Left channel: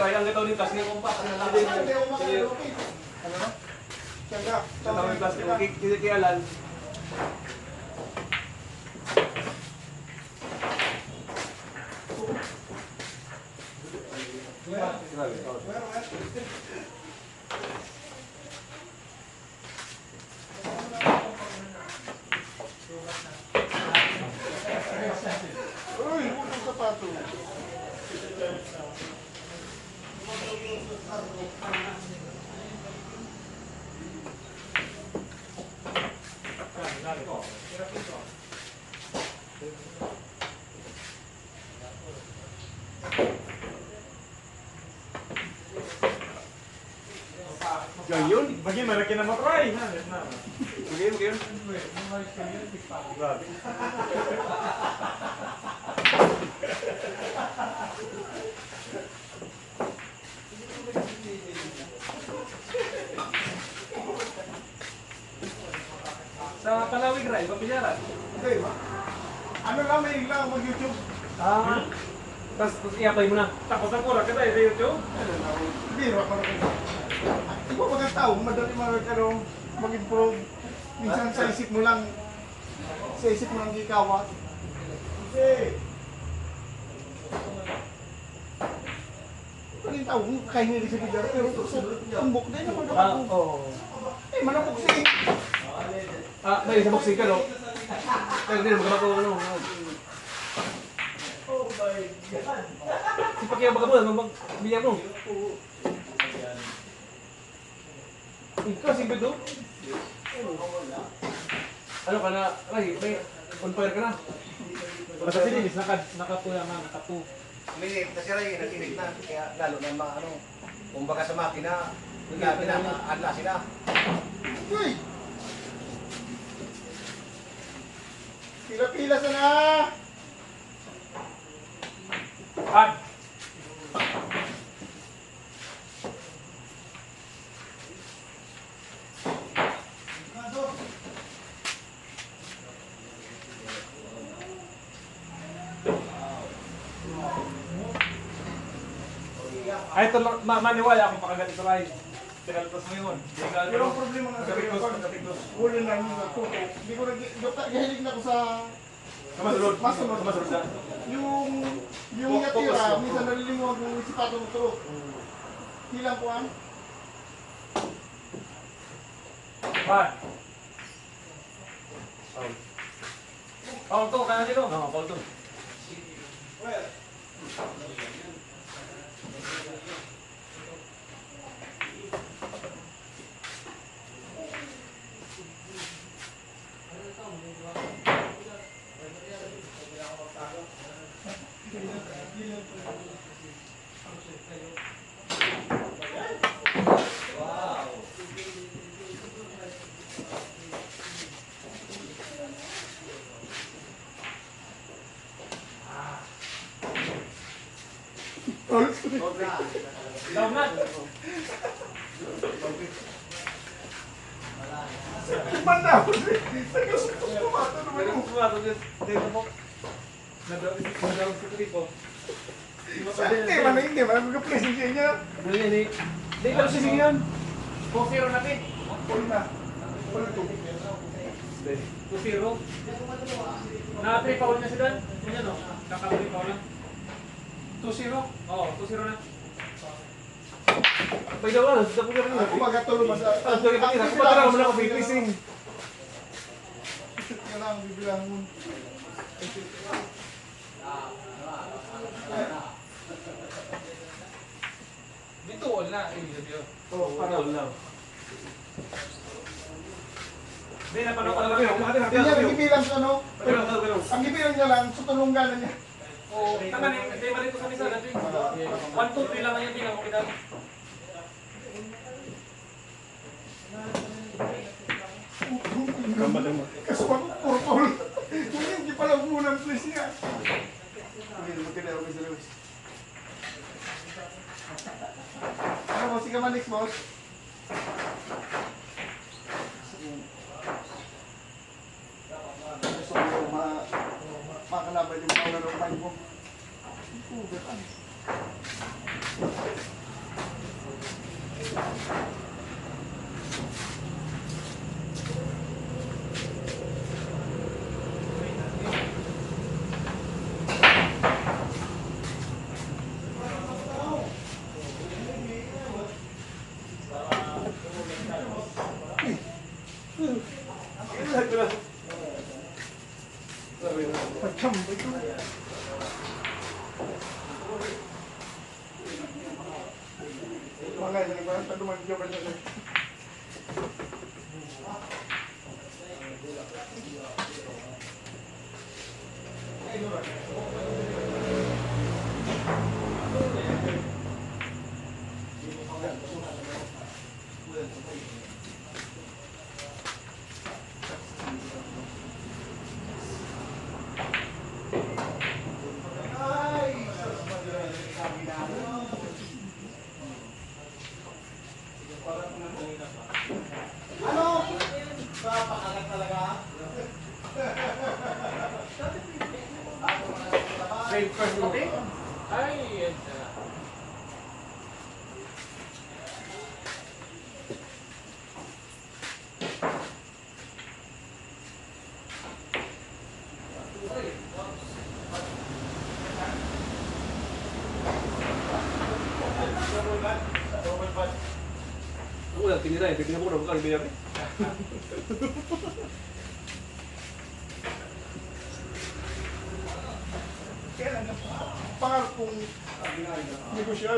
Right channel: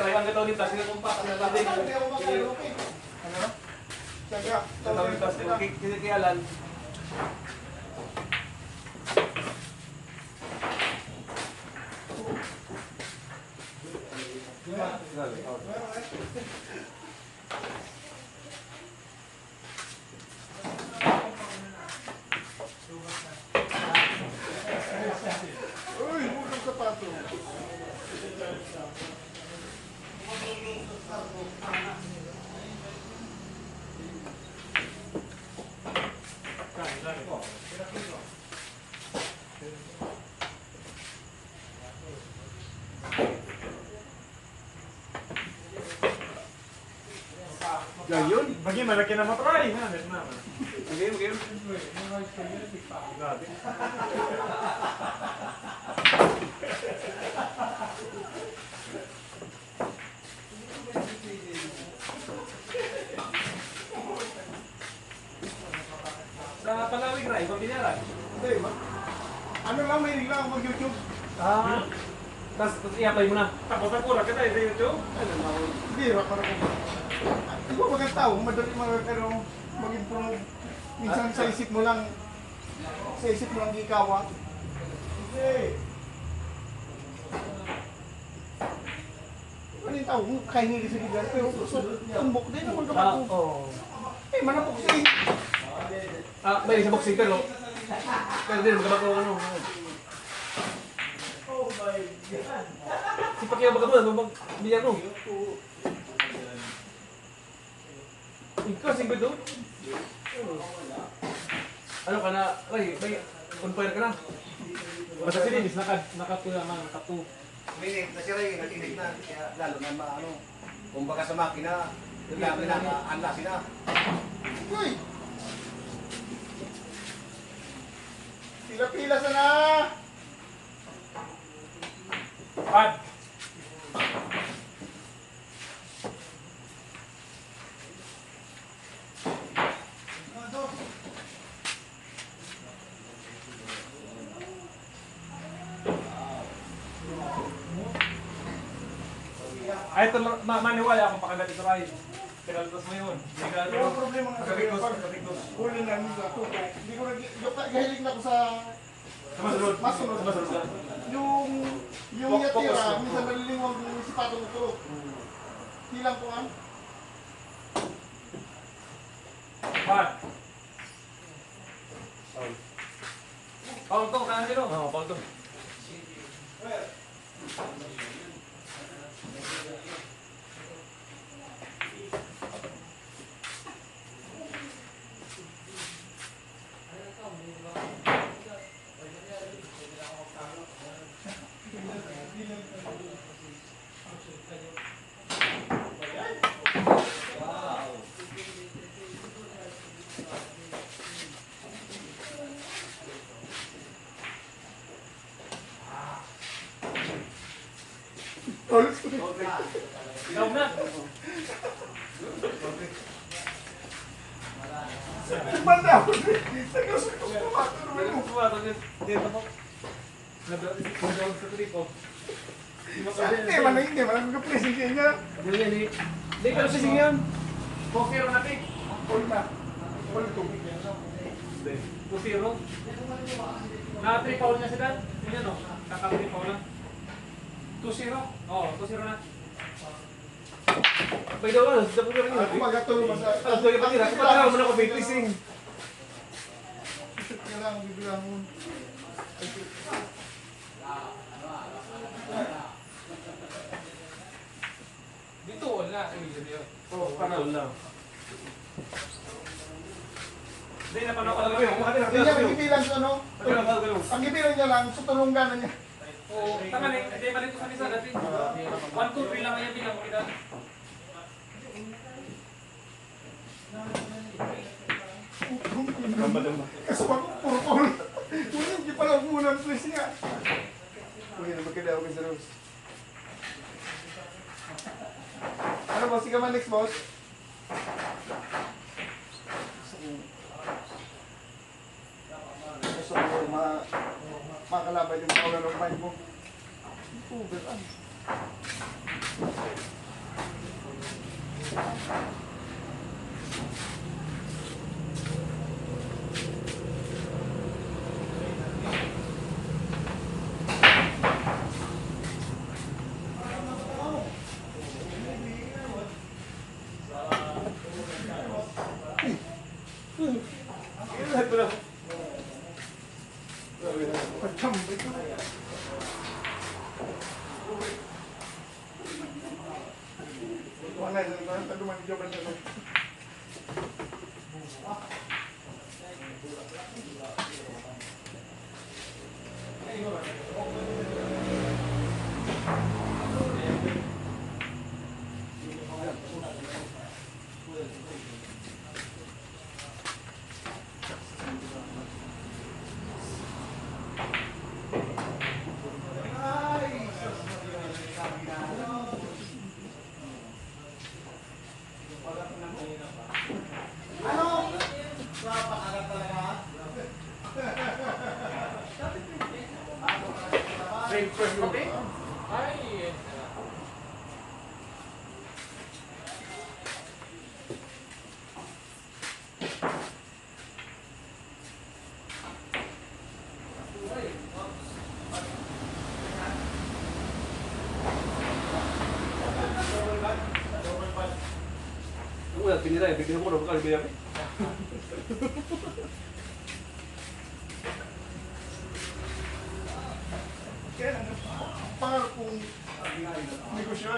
Ray, ang gataw ni Plas, hindi kong pa. Ano? Gataw ni Plas, hindi kialan. Uy, unang sapato. Yun, bagi malaki na matry. Game. Grabe. Sa Palawig, Ray, pamilyaran. Hindi ba? Ano lang, may lang ako mag-YouTube. Tapos i-apply mo na. Tapos ang kulang ka tayo sa YouTube. Ano lang ako. Bira para ko. Di ba mga tao, madali mag-improve. Minsan sa isip mo lang, gikawat. Hindi. Ano yung tao? Kaya nila sa bigyan. Pero tumbok din naman ako. Eh, manapok siya eh. Dahil sa boxing ka, no? Dahil din, magkabako ano. Si Paki ang magkabulan, mag-biyar mo. Ikaw, singgo doon? Ano ka na, Ray, may on-fire ka na. Kasi dinis, nakapulaman, nakapu. Uminit na si Ray, nag-init na. Kaya lalo na ano, kumbaga sa makina, yung labi na, anla sila. Uy! Pila-pila sana! Pad! Ay, ito naniwala akong pakagat ito Ray. Kinaltos mo yun. Pero ang problema nga sa Kapikdos. huli na nung ako. Hindi ko gahilig na ako sa Masunod. masunod. Yung yatira, minsan nalilimuang yung sipato mo ito. Hilang ko ang. Pad! Paul to, kaya sino? Oo, Paul to. Daw na. Banda ako. Nag-gusto ko matulog. Dito po. Nadawag sa tripo. Hindi man, mag-present niya. Hindi, pero sige yan. 2-0 natin. All na. All tubig. 2-0. Na-3 foul niya sila. Ganyan o. Kakal-3 foul lang. 2-0? Oo, 2-0 na. Pwede wala, sa po kami. Ako magatulog ba sa... Ah, sorry pa nila. Kung pagkakaroon mo na ako biglising. Shoot ka lang, bibilang mo. Dito, all na. Ibig sabihin. Oo, para. All lang. Hindi, napanood ko lang. Ang ibilang sa ano, Pero. ang ibilang niya lang, sa tulungan na niya. Oo, tama na. Hindi, mali ko sa misa dati. 1, 2, 3 lang ngayon. Hindi ako kinala. Kasi ako, puro paul. Hindi pala muna ang place niya. Uy, magkada ako sa Rose. Ano boss, ikaw man next boss? Gusto ko makalaban yung paula ng mind mo. Uber, Pagkambay ko. Mga hindi ba? Taduman ko ba na? Save first copy? Ay, Wala, tinira eh. Bibigyan ko na bukan biya. Kaya lang, pangarap kong negosyo.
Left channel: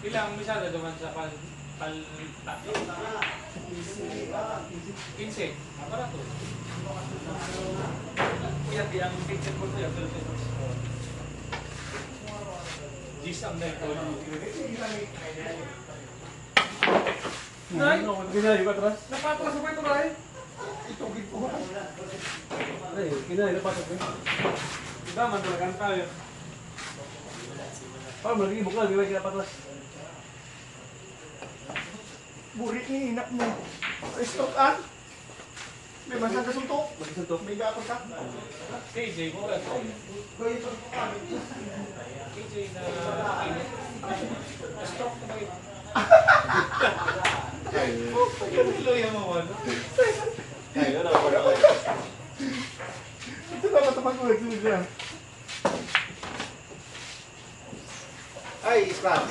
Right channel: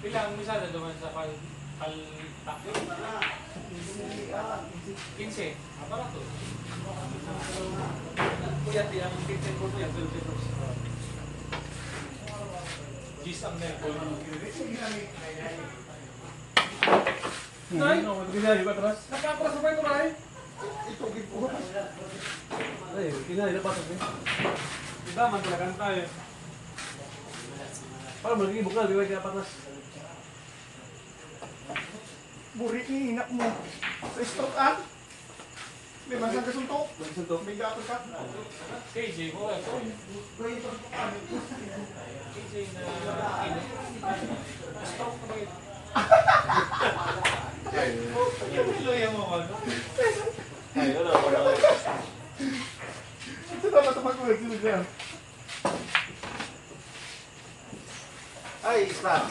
ilang misada naman sa paltakyo? 15. Para to. Kuya, ang 15 ko to yung 12 pesos. Gis ang na ito. Nay, Kinayo ka atras? napatras mo ba ito, Ray? Itugid ko. Ay, kinayo pa to. Kita, mandalagan tayo. Paano mo naging bukal, di ba kaya patras? Burit ni inak mo. Stroke an? May masang kasuntok. Magsuntok. May gapon ka. KJ ko, ito. KJ na init. Stroke na ba ito? Luya mo mo. Ay, ano ako na. Ito dapat ang pag-ulit nila. Ay, Scott.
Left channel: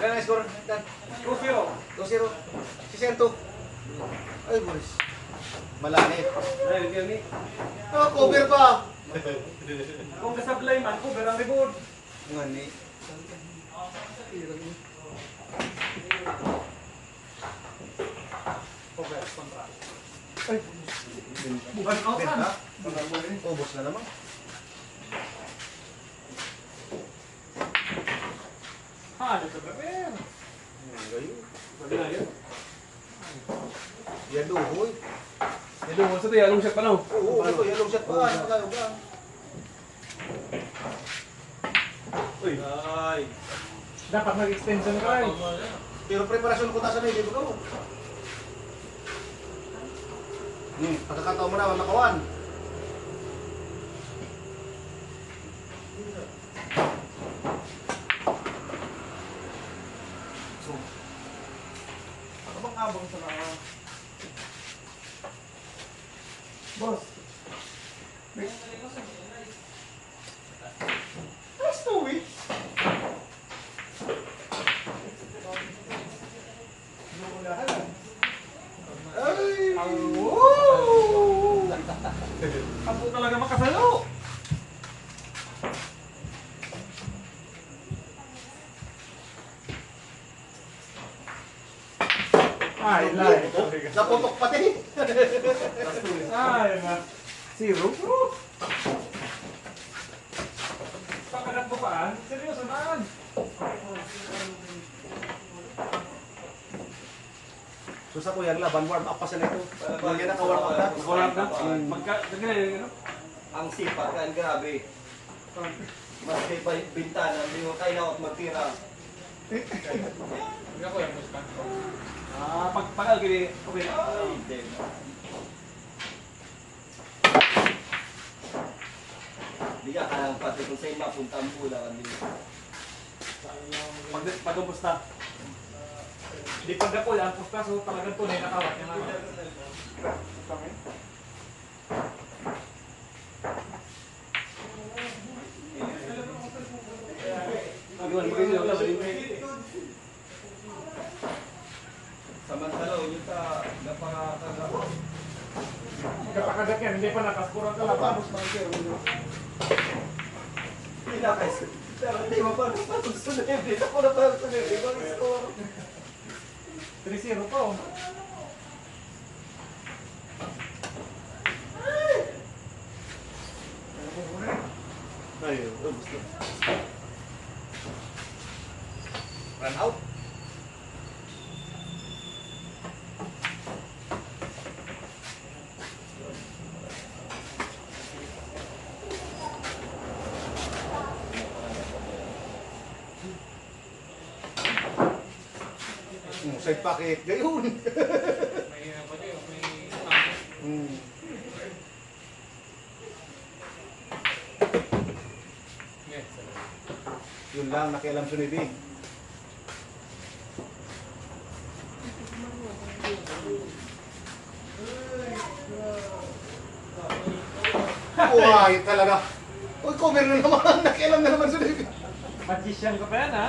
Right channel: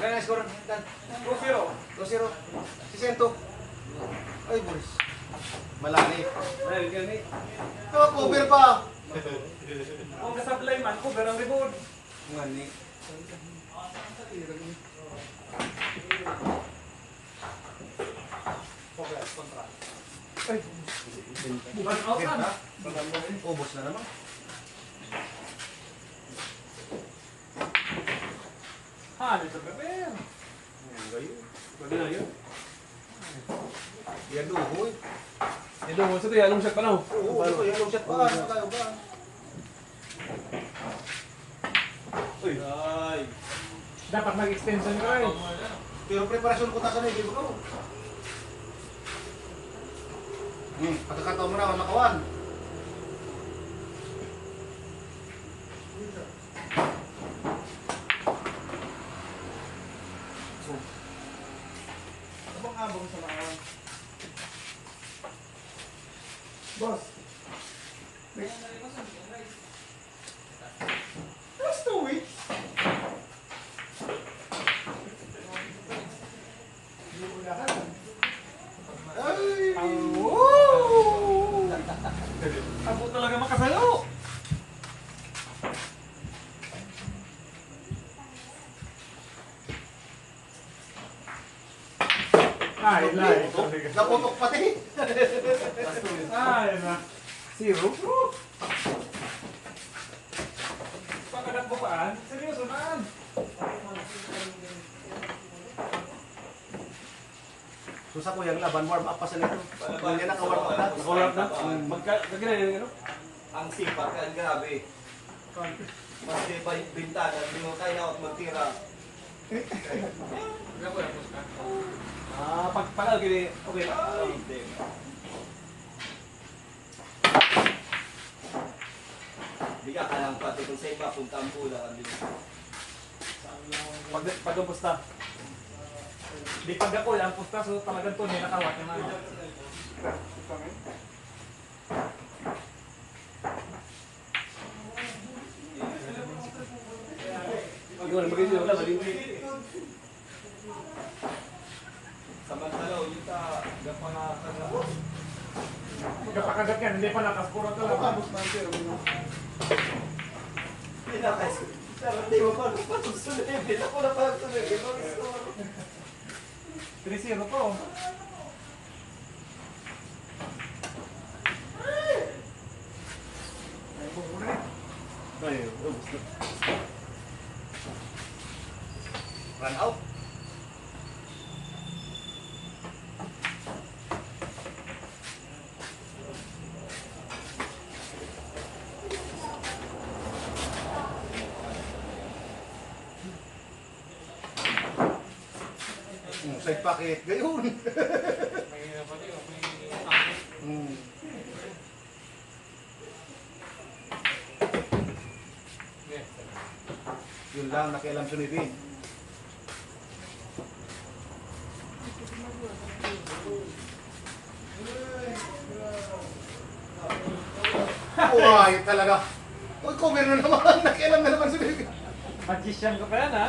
Kailan na score? 2-0. 2-0. Si Sento. Ay, Boris. Malanip. Ay, yan ni. Cover pa. Kung kasablay man, cover ang rebound. Nga ni. Progress, kontra. Ay, Bukan out kan? Ubos na naman. Ha, dito prepare. Pwede na yun. Yan duhoy. Ito, sa ito, yalong shot pa lang. Oo, ito yung long shot pa. Malayo ka. Uy. Ay. dapat mag-extension ka eh. Pero preparasyon ko tasan eh, dito ko. Pagkakataon mo na, nakawan. Ano bang abang sa lakas? Boss. That's 2 weeks. Ay! Abo talaga makasalo. Ay, lai. Naputok pati. Ay, na. Zero. Pagkagat mo paan? Seryoso naan. So sa kuya, laban warm up pa sa nito. Bagay na ka-warm up na. Nakawarap na. Magkagina yun, ano? Ang sipag kan grabe. Mas may bintana, hindi mo kailangan magtira. Hindi ako yung muskan. Pag gini, okay. Hindi ka kailangan pati kung sa'yo mapunta ang pula. Pag umusta. Di pag ako yung pusta, so talagang tunay nakawat yung mga. Magkagina, magkagina, Samantala, yun ta, napakagabo. Kapakagat yan, hindi pa nakaskurang ka lang. Tapos na sir. Tinakay. Pero hindi mo pa susunod. Ako na pa susunod. Mag-score. 3-0 po. Ayun, ubos na. Run out. Say pakit gayon. May ano din, may Yes. Yun lang nakialam sa Nibin. Uy, talaga. Uy, cover na naman. Nakialam na naman sa Nibin. Magician ka pa yan, ha?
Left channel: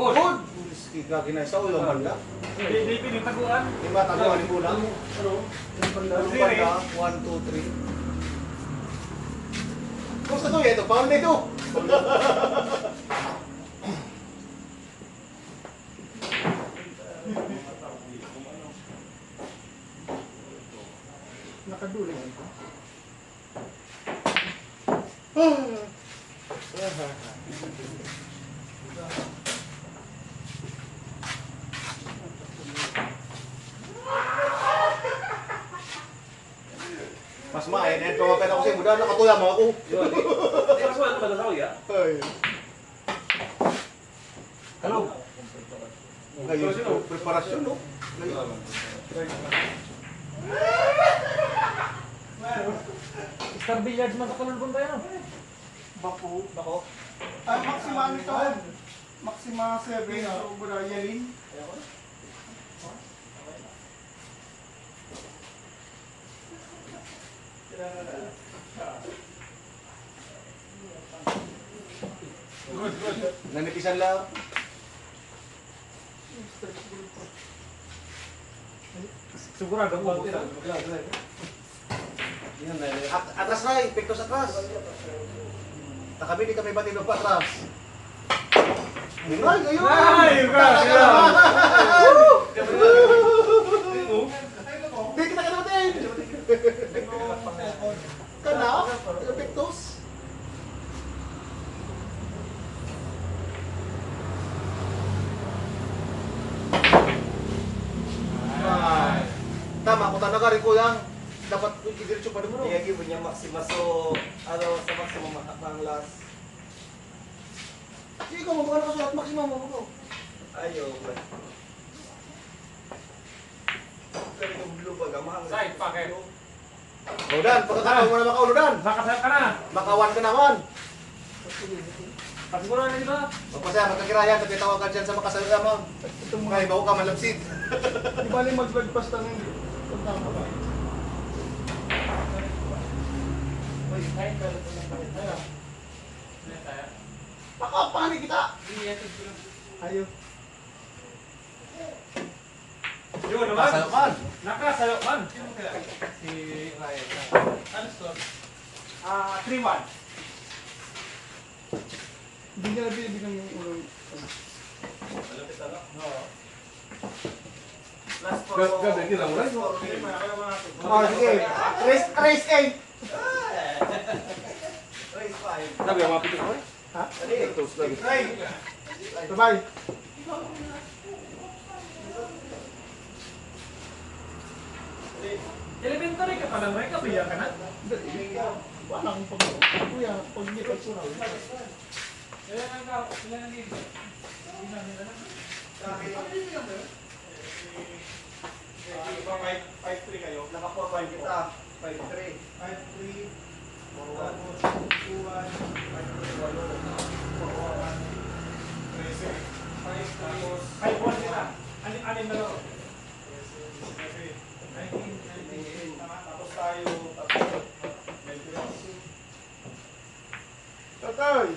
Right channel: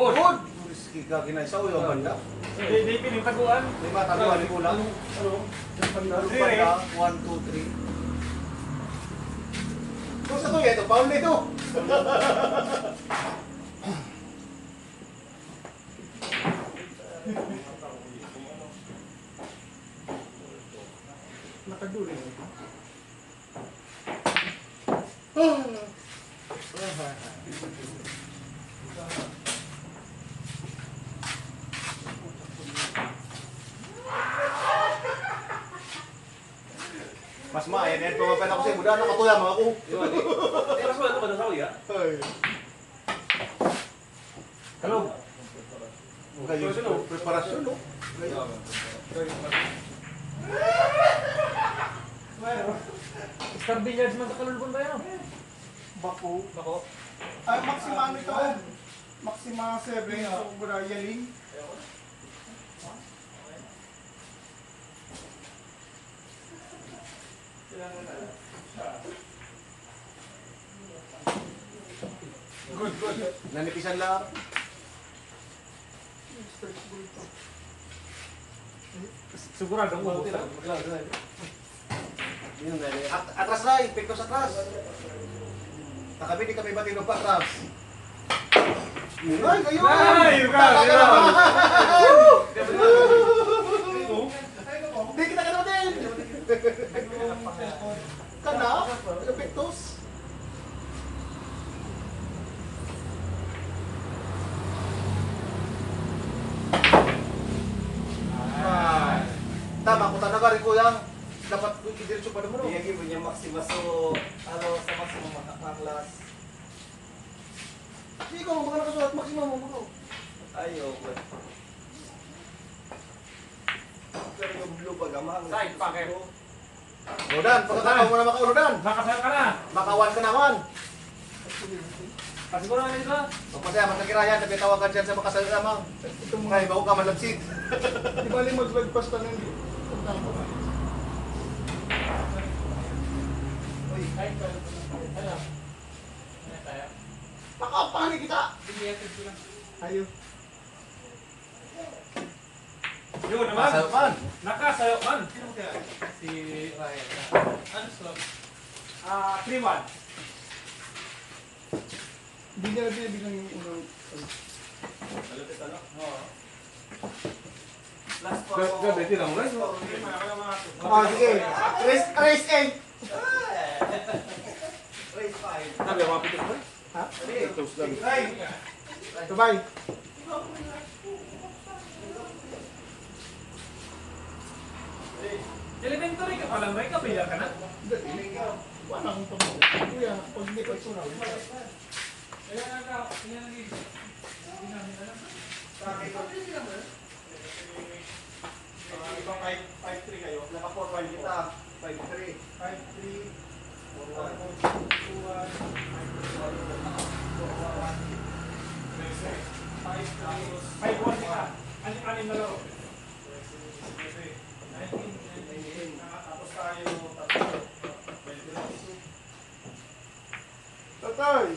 Good. Good. Ika kinaisaw yung banda. Hindi pinitaguan. Lima tabuan ni kulang. Ano? Yung Ano pandaan. banda? 1, 2, 3. Kung sa to ito, paul na ito. Nakaduli. Mas maay, na ito mapala ko sa muda, nakatuyam ako. Yun, eh. Mas wala naman sa ya. Ay. Hello? Ngayon, preparasyon, no? Star Billiards man sa Kalulbon tayo. Bako. Bako. Ah, Maxima ano ito? Maxima 7. So, muna yaling. Nanipisan lang. Sigurado ang bawti lang. Yun na, atras na, epektos atras. Kami di kami batid pa atras. Ay, kayo! Ay, Talaga ka! naman! Di kita kanatin! Kana? Epektos? Ay. Tama, kung talaga rin ko lang, dapat idiretso pa naman. Iyagi mo niya Maxima so, ano, sa Maxima makakanglas. Hindi ko magkakaroon ka sa lahat, maximum mo ko. Ayaw. Pero yung blue bag, amahang. Side pa kayo. Rodan, pagkakataon mo na makaulodan. Makasal ka na. Makawan ka naman. Pasiguro na dito. Mapasaya, magkakirayan, nagkitawagan dyan sa makasal lamang. Mga ibaw ka malapsit. Di ba rin maglagpas na ng Side pa rin po na tayo. Ano? Ano tayo? Makapanig kita. Sige, yan. Ayaw. Yun naman. Kasalukan. Nakasayo man. Si Ryan. Ano score? 3-1. Hindi niya na binibigyan yung Last four. Gabi, di lang, right? Ah, sige. Race 8. Race 5. Sabi, mga pitik ko. Ha? Ay, Sabay. Elementary ka pa lang, Ray. Kapiya ka na. Wala akong pag... Kuya, pag hindi ka sura. Ilan ang tao? Ilan ang lead? Iba 5-3 kayo. Naka 4-5 kita. 5-3. 5-3. 4-1. 2-1. Tapos, ay, ball sila. Anim na laro. Tapos tayo, Tatay!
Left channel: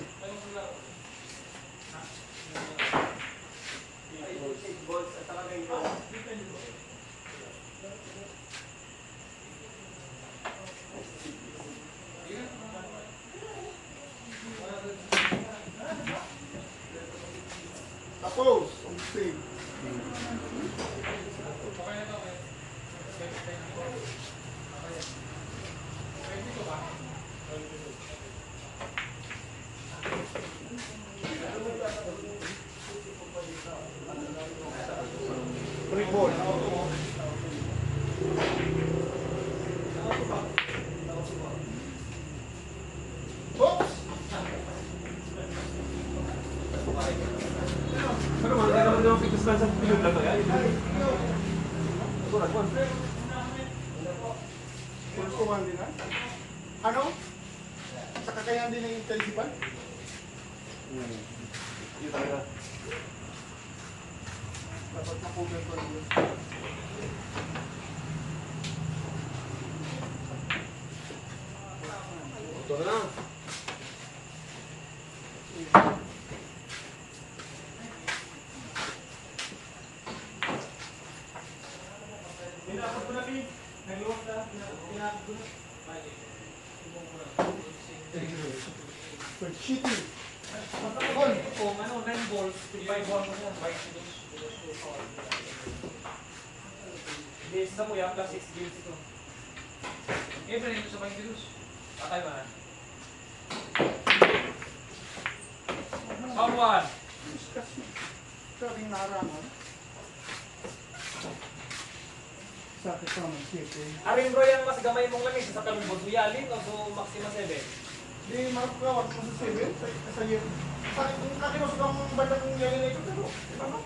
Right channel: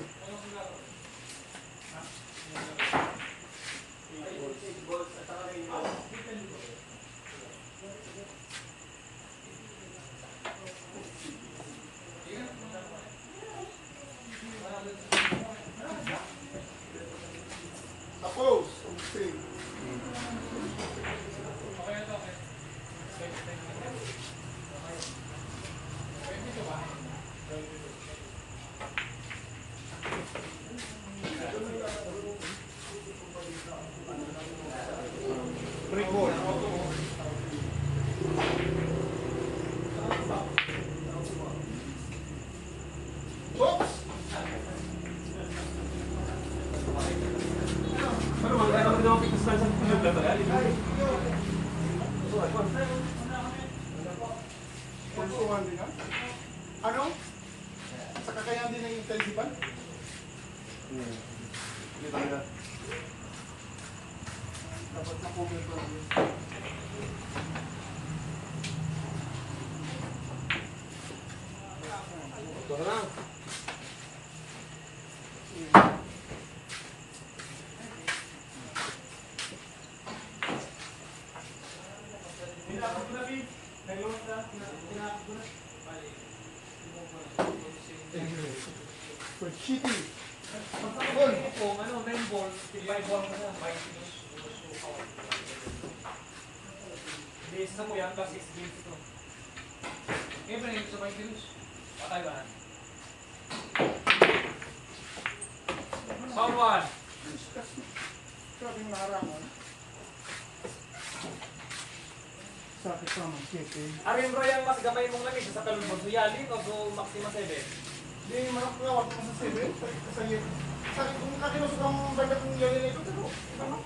Tapos, okay. Free ball. Oops! Ano ba? Ano ba ang pikas sa tulog na to? Pulsuhan din ha? Ano? Sa kakayahan din ng intelisipan? Hindi talaga. Dapat makugal ko lang yun. Ito na lang. Pinakot ko na, Pin. Nagluwag ka. Pinakot ko na. But cheating. Ball. Kung ano, 9 balls, 5 ball mo mo. Base sa mo yan, plus 6 games ito. Eh, pinag sa mga virus. Tatay ba na? Someone. Sabing naharangan. Sa akin sa mga cheating. Arin bro yan mas gamay mong langis sa kalubog mo yali o so maxima 7. Di makakawag mo sa 7. Sa yun. Sa akin kung katinos kang banda kong yali na ito. Pero, ano?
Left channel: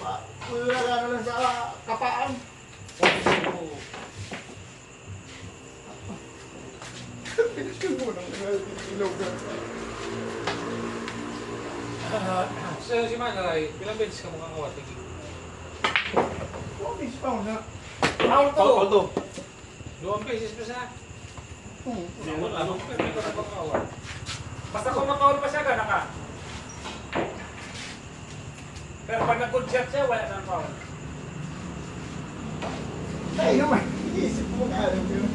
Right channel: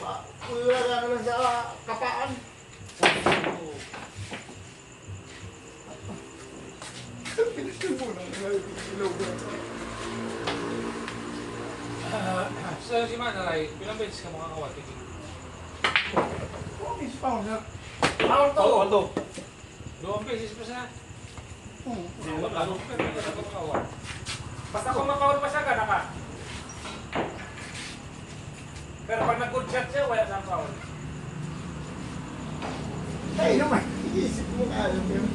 Wala na lang sa kapaan. Piniskin mo lang. Ilaw ka. So si Manalay, pilang beses ka makakawat? Oh, miss pound na. Foul to! Ito. 2 beses pa siya. Hmm. Ano pa hindi ka nakakawat? Basta kung makawl pa siya, gana ka. Pero pag nag-good shot siya, wala siyang foul. Ay naman, iisip mo ka alam ko yun.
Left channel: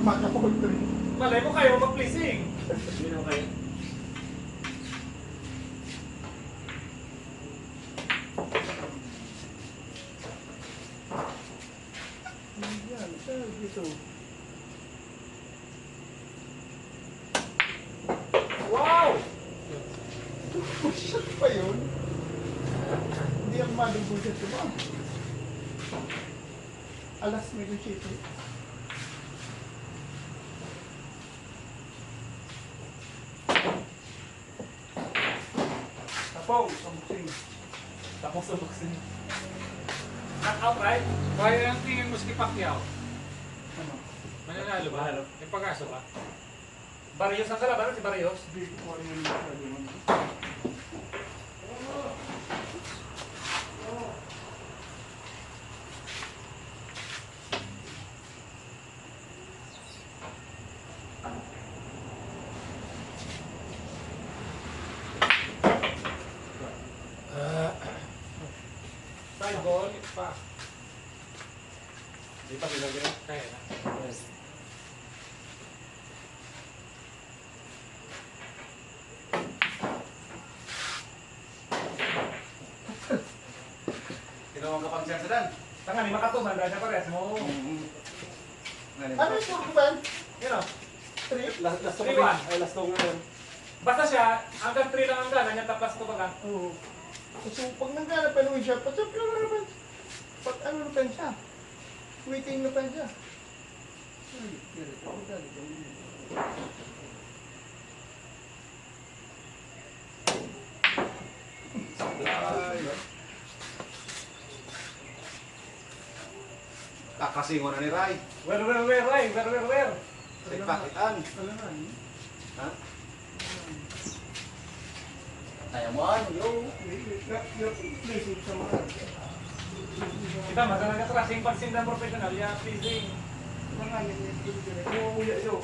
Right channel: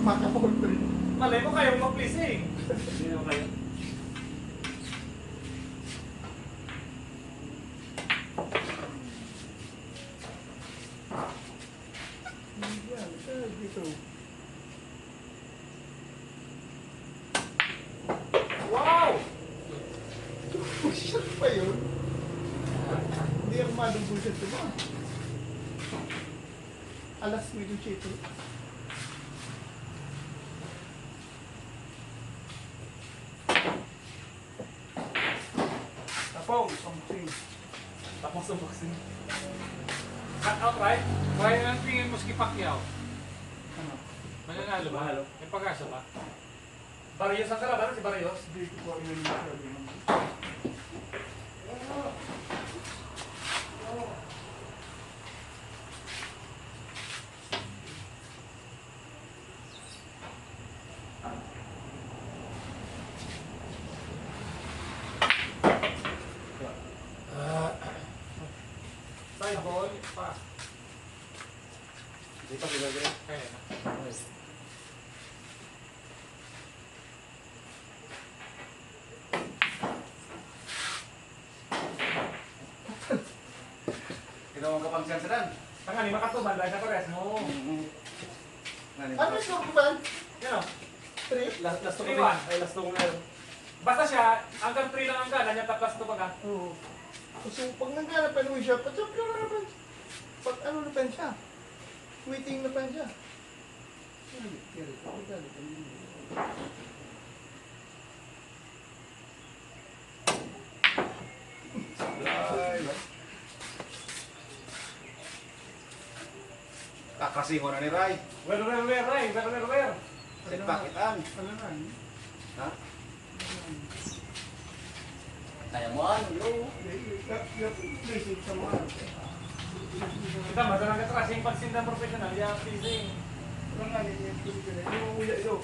Makapakot ko rin. Malay mo kayo mag-pleasing. Hindi naman kayo. Yan, saan dito? Wow! Bullshit pa yun. Hindi ako madong bullshit ko ba? Alas negotiator. Tapos, something. Tapos sa boxing. Knockout, right? Kaya ang tingin mo si Pacquiao. Ano? Mananalo ba? May pag-aso ba? Barrios ang kalaban, si Barrios. Hindi ko po yun masyado. Five ball, pass. Hindi pa sila gano'n. Kaya na. Tinawag ka pang siya sa dan. Tangani, makatuman dahil sa pares mo. Ano yung turko ba? You know, Last to 3-1. Ay, last to ngayon. basta siya, hanggang 3 lang ang gana niya, tapos to baga. Oo. So, pag nagkana pa naman siya, patsap lang naman. Pag ano na pa siya? Waiting na pa siya. Kakasingo na ni Ray. Where, Ray? Where? Sit back it an. Ano na? Ha? Kaya mo ano, yo. Yung placing sa mga. Kita madalang ka tracing pansin na professional, ya pleasing. Wala nga yan yung pinigil. Yo.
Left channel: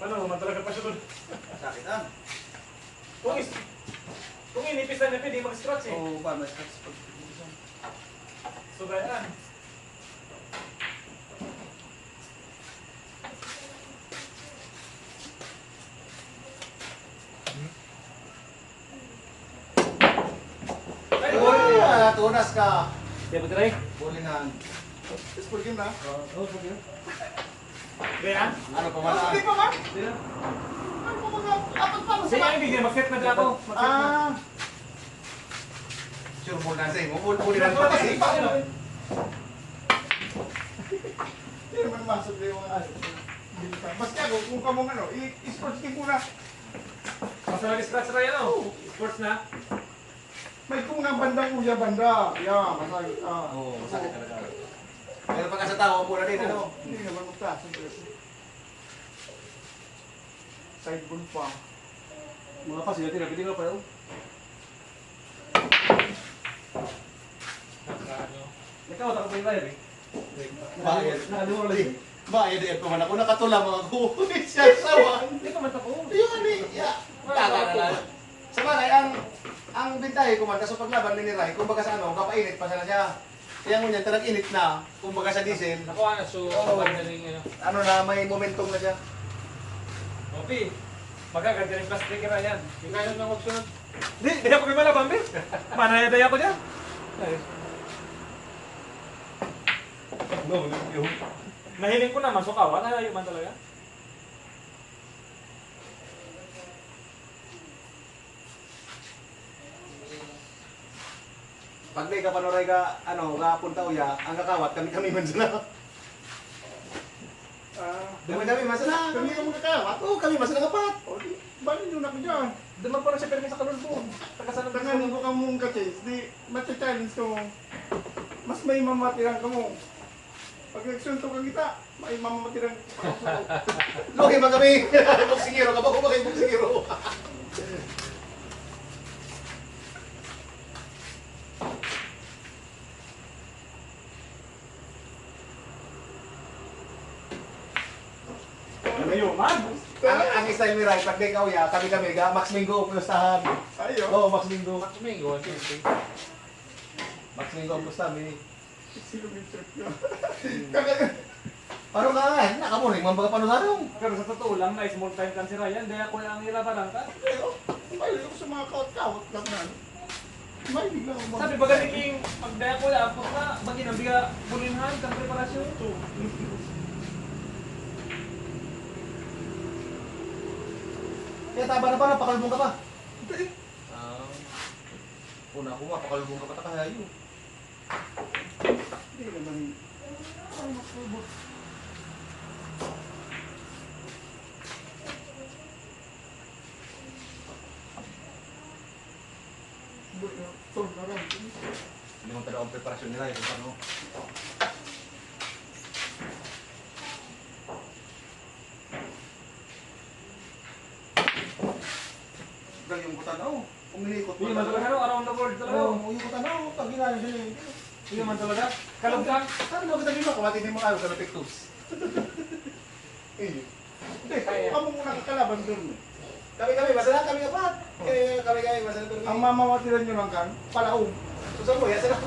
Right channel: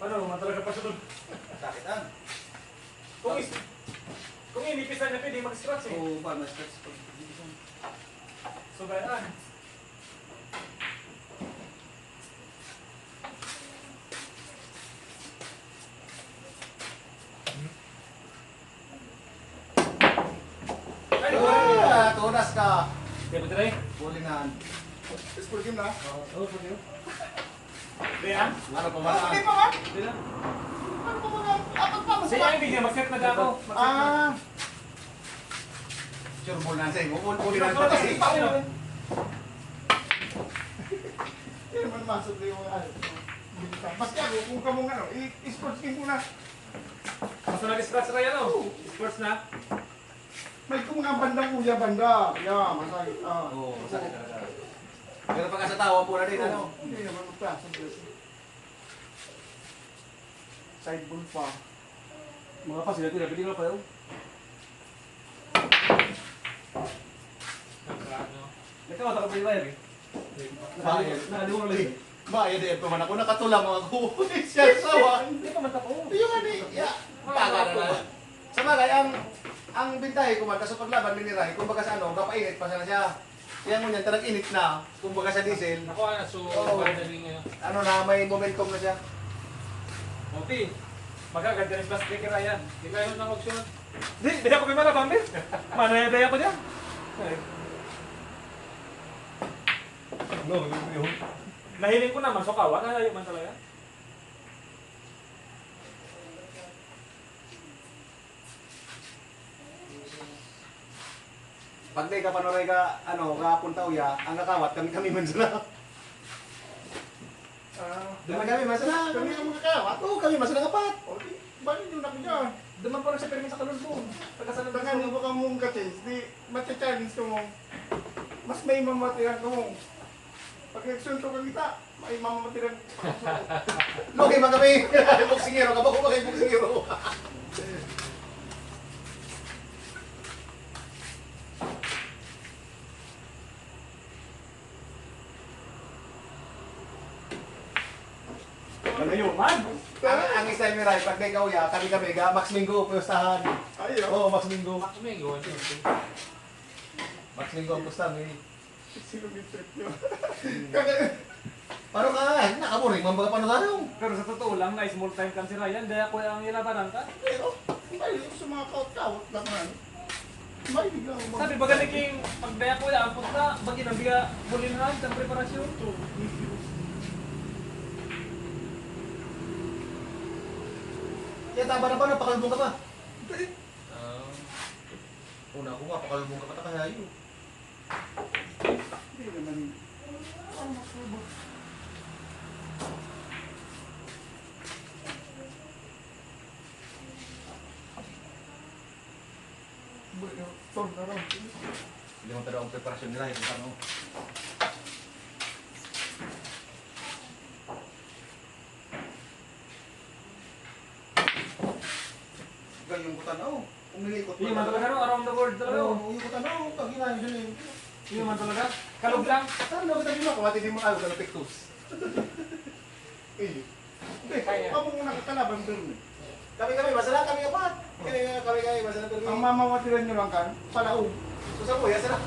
Ano, madalang ka pa siya doon. Sakit ah. Kung inipis na niya, pwede mag-scratch eh. Oo, paano stress pag Subayaan. Ay, Ah, tunas ka. Di ba try? Bulinan. School game na? Oo, pwede yun. Diyan? Ano pa ba? Hindi pa ba? Di na. Ano pa mga apat pa? Sige, hindi niya. Mag-set na dyan ako. Mag-set na. Ah, Sure bulinan sa'yo. Bulinan Bulinan ka pa kasi. kasi. Paano? hindi naman masok na yung mga ano. Basta ako, kung kamong ano, i-sports game muna. Basta nag-scratch na yan, oh. Sports na. May kung nga bandang uya banda. Yeah, masakit. Oo, masakit talaga. Pero pagka sa tao, pula din ano. Hindi naman magpasa. Side ball pa. Mga facility na pwede pa yun. Nagkawat ako pa yung live eh. Bayad. Nakalimutan lagi. Bayad eh, paman ako nakatulang mga kukunin siya sa wan. Hindi ka matako. Yung ano eh, ya. Paga na lang. Sa bagay, ang bintahe ko man, kaso paglaban miniray, kumbaga sa ano, kapainit pa sana siya. Kaya ngunyan, talagang init na, kumbaga sa diesel, Nakuha na, so, Oo. madaling ano. ano na, may momentum na siya. Okay. Magaganda yung plastic na yan. Di kayo na magsunod. Di ako may malabang, be. Manayadaya ko dyan. No, yung Nahiling ko na, masukawan. Nalayo man talaga. Pag may kapanoray ka, ano, kapunta uya, ang kakawat, kami man sila. Kami man sila. Kami ka magkakawat. Oo, kami man sila kapat. O, di, bali nyo na ko dyan. Duman pa rin siya permis sa kalulpon. Pagkasalan Tanganin ko ka mong ka-chase, di, matcha-challenge ko mo. Mas may mamatiran ko mo. Pag nagsunto ka kita, may mamatiran pa ka mo. Logi man kami, boksingero, kapag ko kayo boksingero. Ano yun, man? Ang style ni Rai, pag may kauya, kami, Max Mingo, pustahan. Ayo. Oo, Max Mingo. Domingo, sige. Max Mingo ang pustahan, mini. Sino Vincent nyo? Paano ka nga, nakamuring, mambaga panunarong. Pero sa totoo lang, na small time kan si Ryan. Dahil ako ang ilabanan ka. Pero, may sa mga kawat-kawat lang na. May bigla ko Sabi ba galing yung pagdaya ko yan, pag na, bagay na biga bulinhan, sa preparasyon. So, Kaya taba na pa, pakalbong ka pa. Una ko nga, pakalbong ka pa, takahayo. Hindi naman. Ang masubo. Bueno, son na lang. Hindi mo tada ang preparasyon nila, ito paano. Galing ko tanaw. Umilikot yun man talaga, no? Around the world talaga. Oo, yung ko tanaw, pag ginaya siya yun. Yun man talaga. Kalog lang. Saan mo kita ginawa? Kumatin din mo tayo sa pictures. Eh, Hindi, kamo mo nakakalaban dun. kami, masala kami apat. Kami, masala kami. Ang mamawatiran nyo lang kan, palaog. Susah mo, ya sana.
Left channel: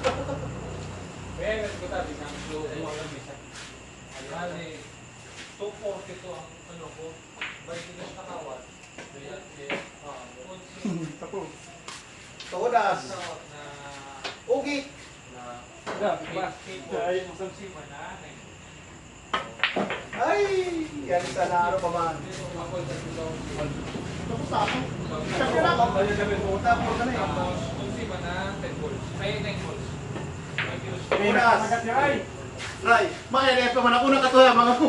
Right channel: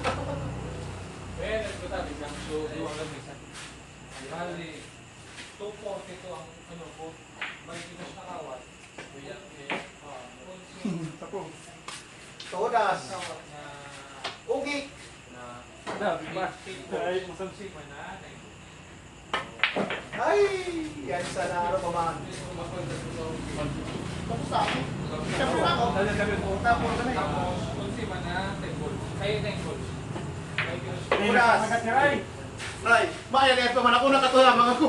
Eh, ito tabi, ang show, yung mga bisa. Hali, 240 to ang ano ko. Balik ko na kawat. Kaya, Tapos. Todas. na Ugi. Gabi ba? Ay, musang si Ay, yan sana ano pa man. Tapos ako. Sabi na ako. Ayun, sabi ko. Tapos ka na eh. Tapos, kung si Mana, 10 goals. Ay, 9 goals. Ay, Uras. Magat ni Ray. Ray, maya na pa man ako nakatuya mga ko.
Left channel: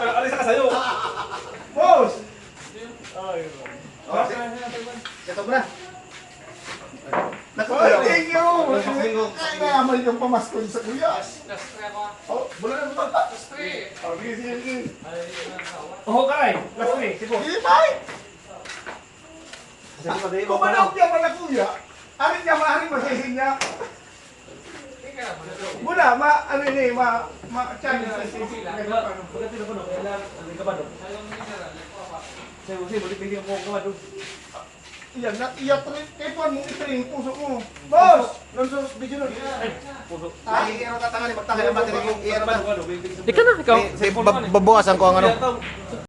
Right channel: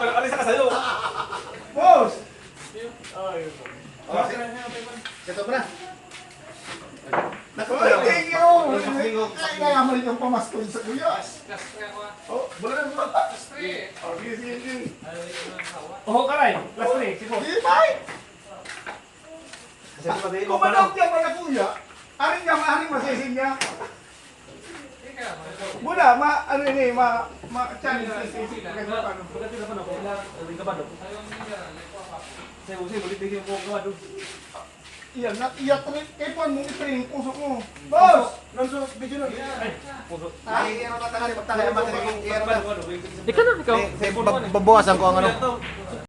Pero alis ka sa'yo. Boss! Ay, Oh, seto mo na. Nakatuya ako. Thank you! Mas bingo. Ay, naman yung pamaskon sa kuya. Last try ako. Oh, bulan na Oh, sige, sige, sige. Oh, karay. Last 3. Sipo. Sige, bye! Kasi di ba di mo Kumanok niya wala kuya. Aring niya, maaring masising niya. Muna, ano ini, challenge na sising. Kahit paano. Pagkat sila ko na, kung ilan, ang kabado. Sa'yo, bulit bigyan mo ang kabado. Iyan, iyak rin. Kaya po, mong itrain, puso mo. Boss! Nonso, video nun. Ay, puso. Ay, ano tatangan, magtangan, matigil yung Kabado, kabado. Ikaw na, ikaw. babukasan ko ang ano.